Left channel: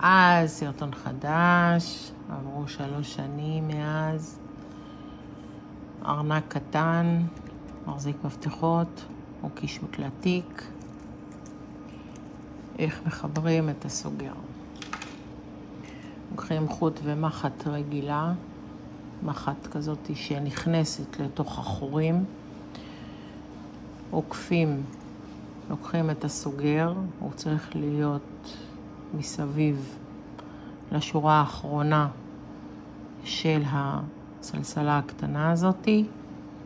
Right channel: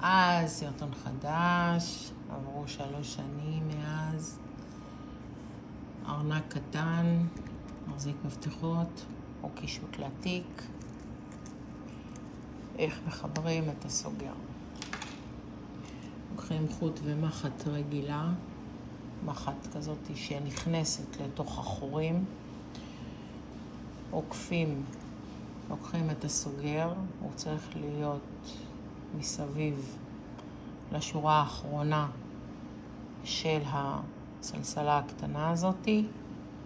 אז סרטון חדש, עברו 3 שנים מאז. ארנק קטן, מחזיק מפתחות, קישוט לתיק. איך מחברים את הסוגר. לוקחים חוט ומחט רגילה, מחט כזאת שנכנסת לתוך החורים. עוקפים, לוקחים את הסוגר, הוא צריך להיות מסביב לשורה האחרונה של הסלסלה הקטנה הזאתי.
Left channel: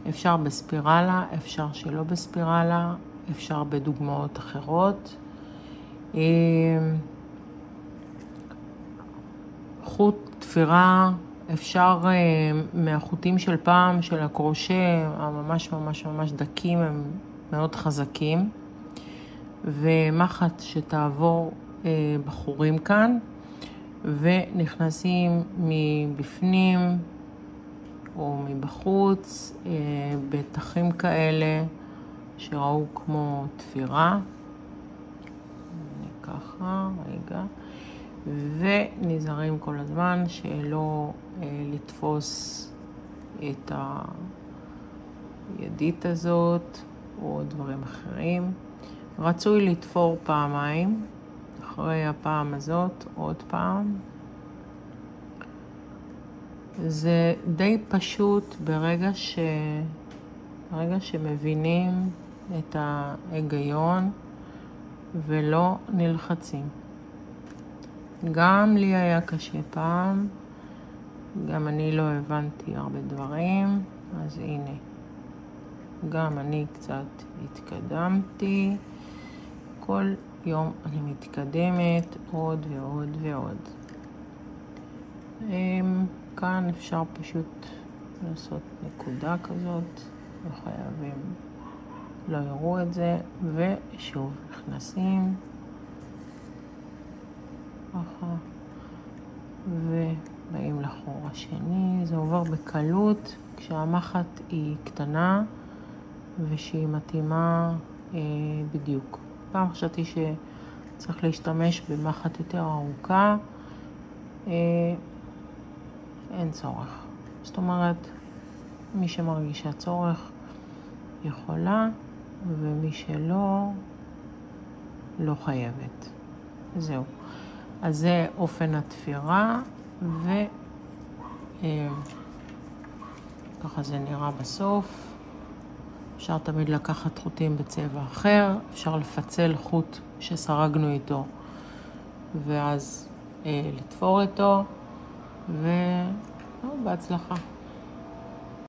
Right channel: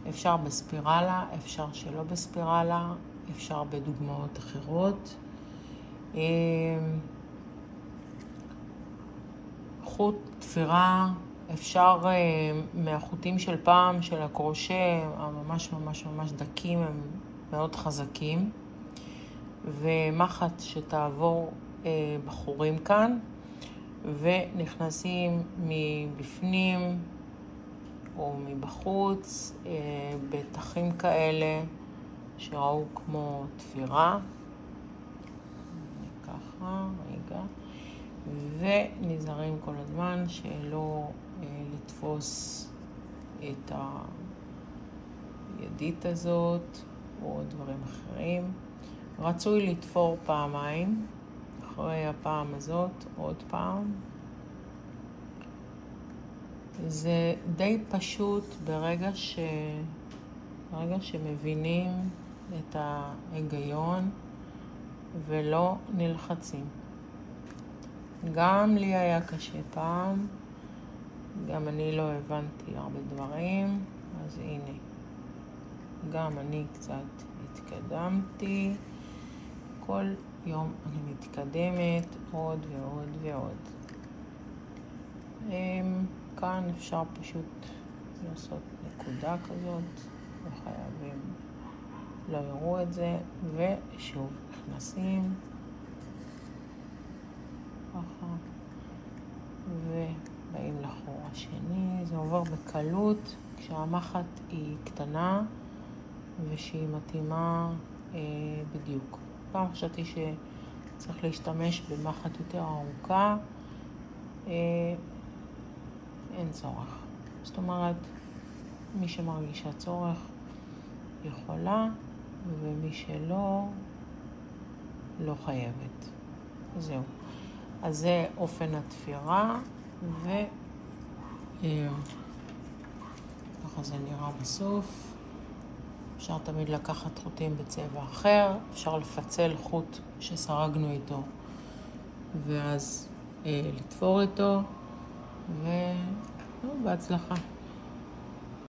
אפשר בספירלה, אפשר שלא בספירלה, אפשר בדוגמאות אחרות. חוט תפירה אפשר מהחוטים של פעם, של הקרושה, הממש ממש ממש דקים, הם מאוד חזקים. ומחט שתעבור בחורים כאן, ונכנסים מבפנים או מבחוץ בתחים כאלה שראו כמו תפירה. ככה, רגע. ונזהרים כל הזמן שלא לתפוס את הידית הזאת או דברים אחרים. רצוי לתפור פעמיים, אחרי הפעם הזאת עוד פעם. זה די פשוט ברגע שמבינים את ההיגיון ולא נלחצים. גם לי היה קשה פעם, גם אני לא הבנתי הרבה דברים, אז הנה, גם אני קצת התקדמתי. כל יום אני מתקדמת עוד ועוד ועוד. כאן אפשר פשוט לעשות נקודה כזאת, וחייבים לא יראו את זה, ושוב נכנסים ככה ובאים לחור השני. זה עובר בקלות כשהמחט היא קטנה ושהיא מתאימה בדיוק. פעם חשבתי שצריך להשתמש במחט יותר ארוכה, אין צורך. זאת אומרת, מי שמרגישה צורך יכולה, ומי שלא, לא חייבת. זהו. אז זה אופן התפירה, ככה זה נראה בסוף. אפשר תמיד לקחת חוטים בצבע אחר, אפשר לפצל חוט שסרגנו איתו ואז לתפור איתו, ובהצלחה.